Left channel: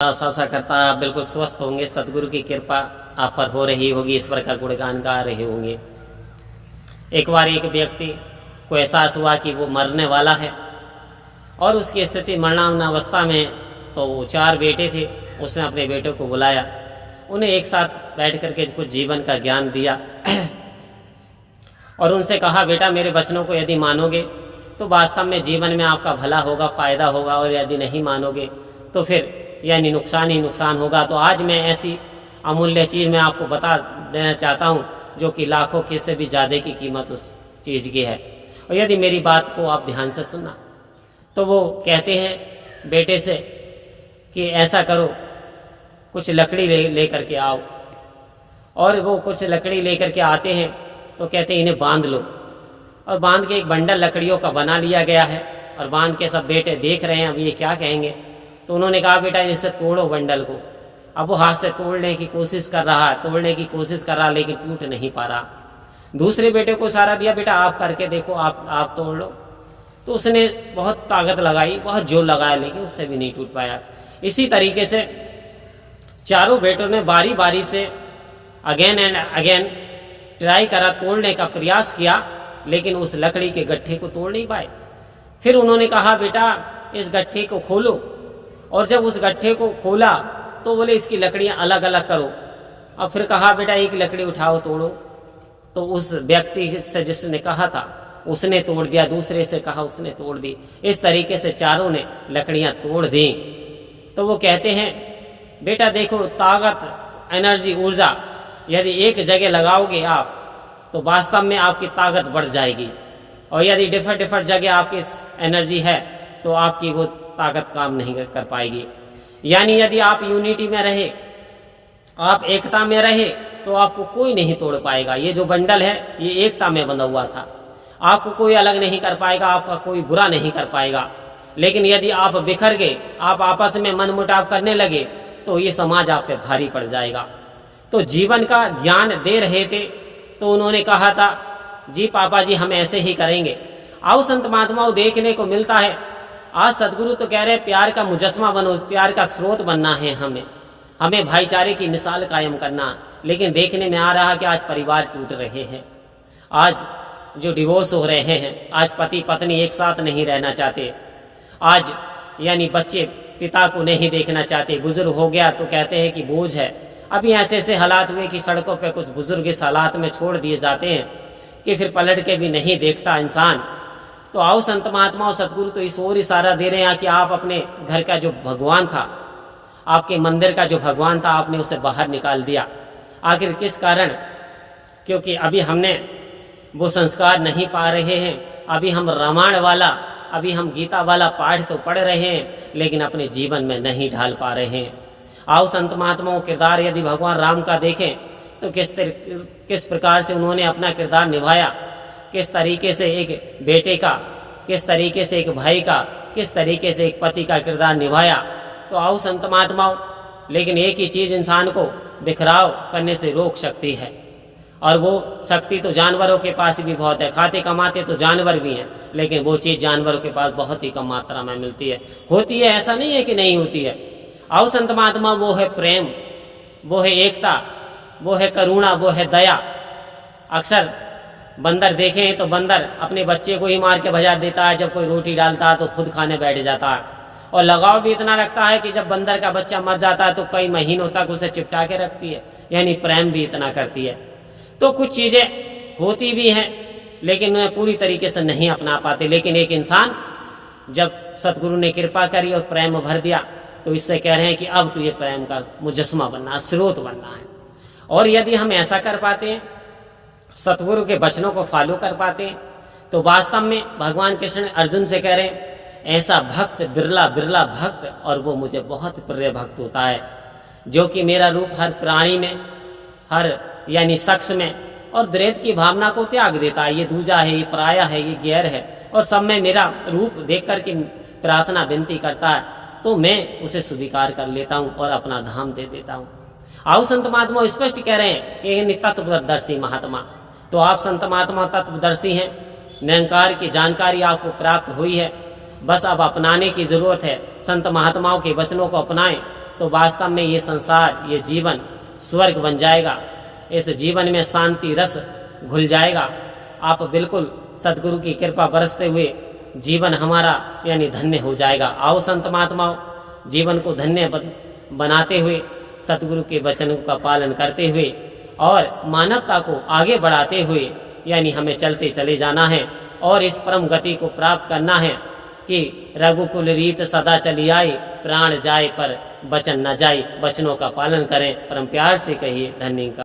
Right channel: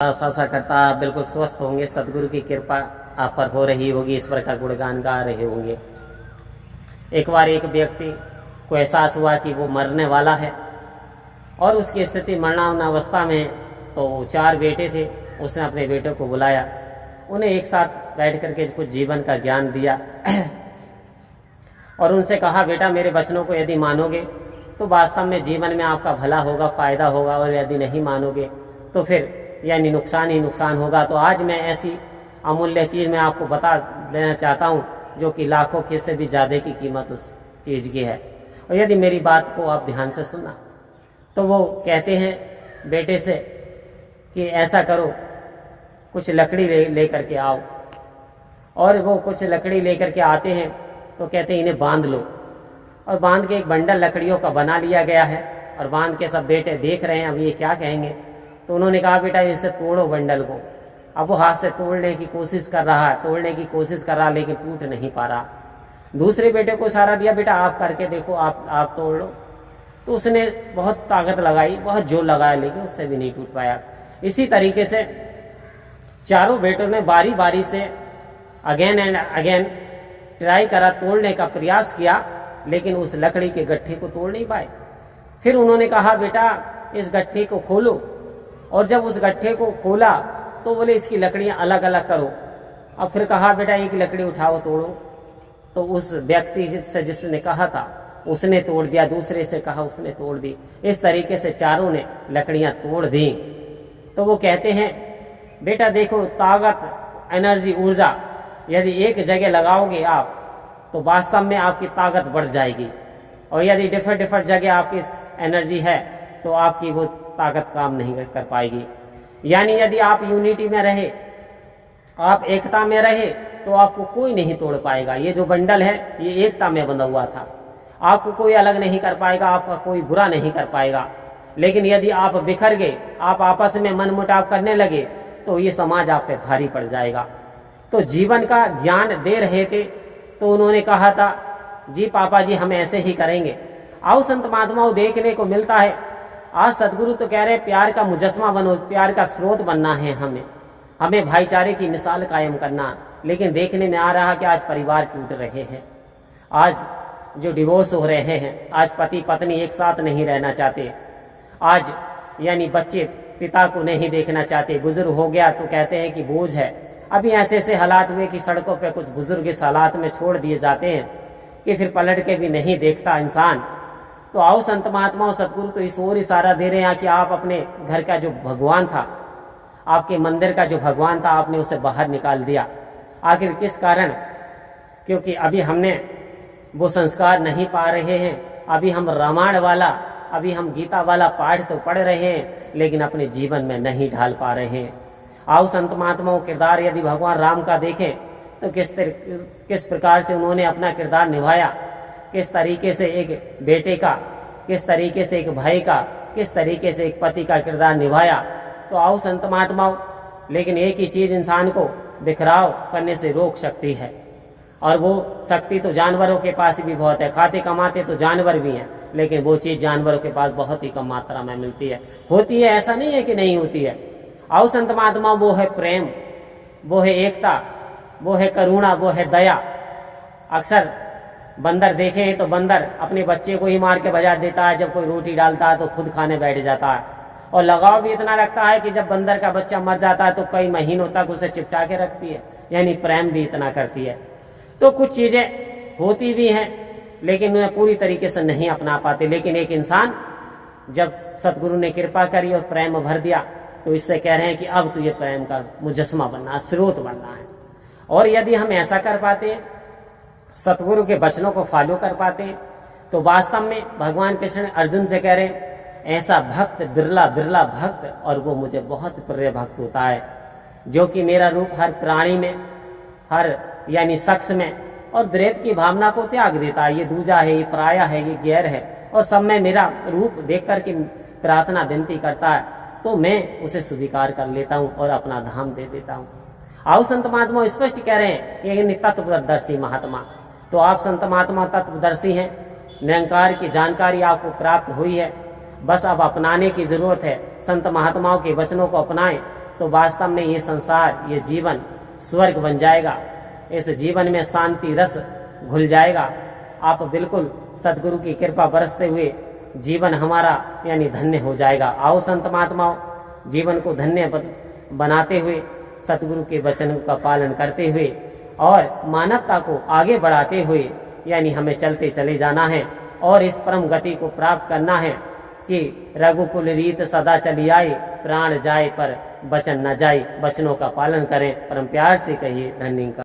आशा करता आप बिल्कुल स्वस्थ होंगे। सदगुरु की कृपा आप पर हो रही होगी, ईश्वर का गुणगान गा रहे होंगे। एक बार एक व्यक्ति को एहसास हुआ कि वो मरने वाला है और उसकी स्थिति मरणावस्था में। तो वो 4 बेटे थे। उसने अपने बेटों को बुलाया, उन्हें एक साथ बैठ करके कुछ जीवन का ज्ञान दिया और उनसे कहा, बेटा मेरे वचनों को यदि मानोगे तो वास्तव में जीवन में आपका भला होगा, फायदा होगा, और यदि नहीं मानोगे तो फिर यानी नुकसान ही नुकसान होगा। तो आज मैं ऐसी अमूल्य चीज़ मैं आपको बता देना चाहता हूँ जो कि लाखों के से भी ज़्यादा की कीमत उस चीज़ की है। और यदि मेरी बात को आप ध्यान से सुनना तो वो कहते हैं बेटे से कि ऐसा करो, कुछ लकड़ी ले करके आओ। और वो कुछ लकड़ी लेकर के आते हैं तो कहते हैं इन्हें बांध लो। और बांध के एक बंडल लकड़ियों का बना लिया गया है और बांध के सब बेटे देख रहे हैं अब ये क्या कहेंगे। तो उन्होंने कहा, बेटा इसे तोड़ो बंडल को। अब वो हाथ से तोड़ने की कोशिश कर रहा लेकिन टूट नहीं पा रहा। दूसरे बेटे को इशारा दिया, बेटा आप करके देखो, आप तोड़ लो। तो उसने बहुत ताकत लगाई, बहुत जोर लगाया, लेकिन उससे भी नहीं टूट पाया। इसी तरीके से चारों बेटों ने बारी बारी से अगेन एंड अगेन ट्राई करा, तोड़ने का प्रयास किया, लेकिन उस लकड़ी के गट्ठे को तोड़ नहीं पाए। फिर उन्होंने कहा, बेटा इस गट्ठे को खोलो। और जब उस गट्ठे को खोला तो बोले इसकी लकड़ियां अलग अलग करो। अब फिर कहा, बेटा एक लकड़ी उठाओ, तोड़ो। तो उस व्यक्ति से जिसने कहा था उसने तोड़ दिया, दूसरे से कहा उसने तोड़ दी। इस तरीके से चारों ने लकड़ियां तोड़ दी। तो वो कहते हैं, बेटा देखो ताकत, एनर्जी, ऊर्जा यदि एक जगह लगाओगे आप तो वास्तव में आपकी ताकत बढ़ जाएगी। और यदि डिफरेंट जगह आपकी एनर्जी है तो आपकी वो ताकत काम नहीं कर पाएगी। यानी यदि आप यूनिटी में रहे, आप एकता में रहे, तो आपको कोई नहीं तोड़ पाएगा। ये जो बंडल है ये एकता में बंधा हुआ था, आपको कोई अलग नहीं कर पाएगा, आपका कोई बुरा नहीं कर पाएगा। लेकिन यदि आप बिखर गए, आप आपस में मनमुटाव करने लगे, तो ये समाज आप पे भारी पड़ जाएगा। तो जीवन का ज्ञान दे रहे थे तो उन्होंने कहा था, जी पापा जी हम ऐसे ही करेंगे। आओ संत महात्माओं, देखने को मिलता है आज सदगुरु तो कह रहे प्यार का मुजस्मा बनो, प्यार का स्रोत बनना है हमें भाईचारे की मिसाल कायम करना। लेकिन देखने में आ रहा कि आज परिवार टूट रहे हैं, आज जो डिवोर्स हो रहे हैं, आज पति पत्नी एक साथ नहीं रहना चाहते, आज यानी बच्चे पिता को नहीं देखना चाहते, बुजुर्ग हो गया तो कहते हैं कि बोझ है। अभी ऐसे ऐसे हालात हुए कि सड़कों पर कुछ बुजुर्ग इस हालात में छोड़ दिए जाते हैं कि फिर पलट के भी नहीं देखता इंसान। तो आओ संत महात्माओं, सदगुरु तो इस ओर इशारा दे रहे हैं कि आप अपने घर का जो भगवान था, आपके मंदिर का जो भगवान था, आपने उसे बाहर निकाल दिया। आखिर किस कारण? क्योंकि अभी हमने वो संस्कार नहीं पा रहे हैं। अभी हम रामायण वाला, अभी हम गीता वाला पाठ तो पढ़ रहे हैं लेकिन अपने जीवन में नहीं ढाल पा रहे हैं। आओ संत महात्माओं, किरदार यदि भगवान राम का देखें तो किस प्रकार से उन्होंने अपना किरदार निभाया, किस तरीके से एक बेटे का, किस तरीके से एक भाई का, किस तरीके से एक पति का किरदार निभाया। तो आओ संत महात्माओं, लेकिन एक ही चीज इंसान को बिखराव करने से रोक सकती है, और वो शक्ति तो जानवरों के पास भी बहुत है। खाते कमाते तो जानवर भी हैं, लेकिन वो चीज जानवरों के पास बहुत ही कम मात्रा में मिलती है। होती है, ऐसा नहीं है कि नहीं होती है। आओ संत महात्मा, वो है प्रेम, वो है एकता, वो है करुणा, वो है दया। अक्सर बंदर देखें तो बंदर अपने बच्चे को ही मार के भजा देता है, जब कोई रोटी डालता है तो खुद खाने बैठ जाता है। और लगाव भी इतना रखता है कि जब बंदर का बच्चा मर जाता है तो कई महीनों तक उसे चिपटा के रखती है, यानी प्रेम भी इतना करती है। तो कुछ चीजें होती भी हैं लेकिन उन्हें पूरी तरीके से नहीं अपना पाते। लेकिन एक इंसान जब सतगुरु ने कृपा करी और प्रेम भर दिया तो इससे कह रहे हैं कि अब तो ये प्रेम का मुजस्मा बनना, स्रोत बनना है। और यदि हम ऐसा कर पाते हैं, सतगुरु के वचनों को फॉलो कर पाते हैं, तो वास्तव में भगवान कृष्ण अर्जुन से कह रहे हैं, ऐसा भक्त बिरला बिरला भक्त, और वो मुझे बहुत प्रिय भक्त होता है, जो कि मेरा रूप हर प्राणी में, हर यानी शख्स में और द्वैत की भावना को त्याग देता है। ये दूजा है, ये पराया है, ये गैर है, और सब में मेरा रूप देख करके प्रार्थना विनती करता है, तो मैं उसे स्वीकार कर लेता हूँ और अपना धाम दे देता हूँ। आओ संत महात्मा स्पष्ट कह रहे हैं कि तत्वदर्शी महात्मा। तो आप संत महात्मा तत्वदर्शी हैं, निरंकार की जानकारी आपको प्राप्त हुई है, बस अब अपनाने की जरूरत है। संत महात्माओं के वचनों को अपनाएं तो वास्तव में ये संसार, ये जीवन स्वर्ग बन जाएगा। इस जीवन में शांति रस घुल जाएगा। आप बिल्कुल सदगुरु की कृपा बरसते हुए जीवन हमारा यानी धन्य हो जाएगा। आओ संत महात्माओं, जीवन को धन्य बनाते हुए सतगुरु के वचन का पालन करते हुए और मानवता को आगे बढ़ाते हुए यानी हमें चलते चले जाना है और इस परम गति को प्राप्त करना है कि रघुकुल रीत सदा चली आई, प्राण जाए पर वचन न जाए। वचनों का पालन करें, परम प्यार से कहिए धन्य का।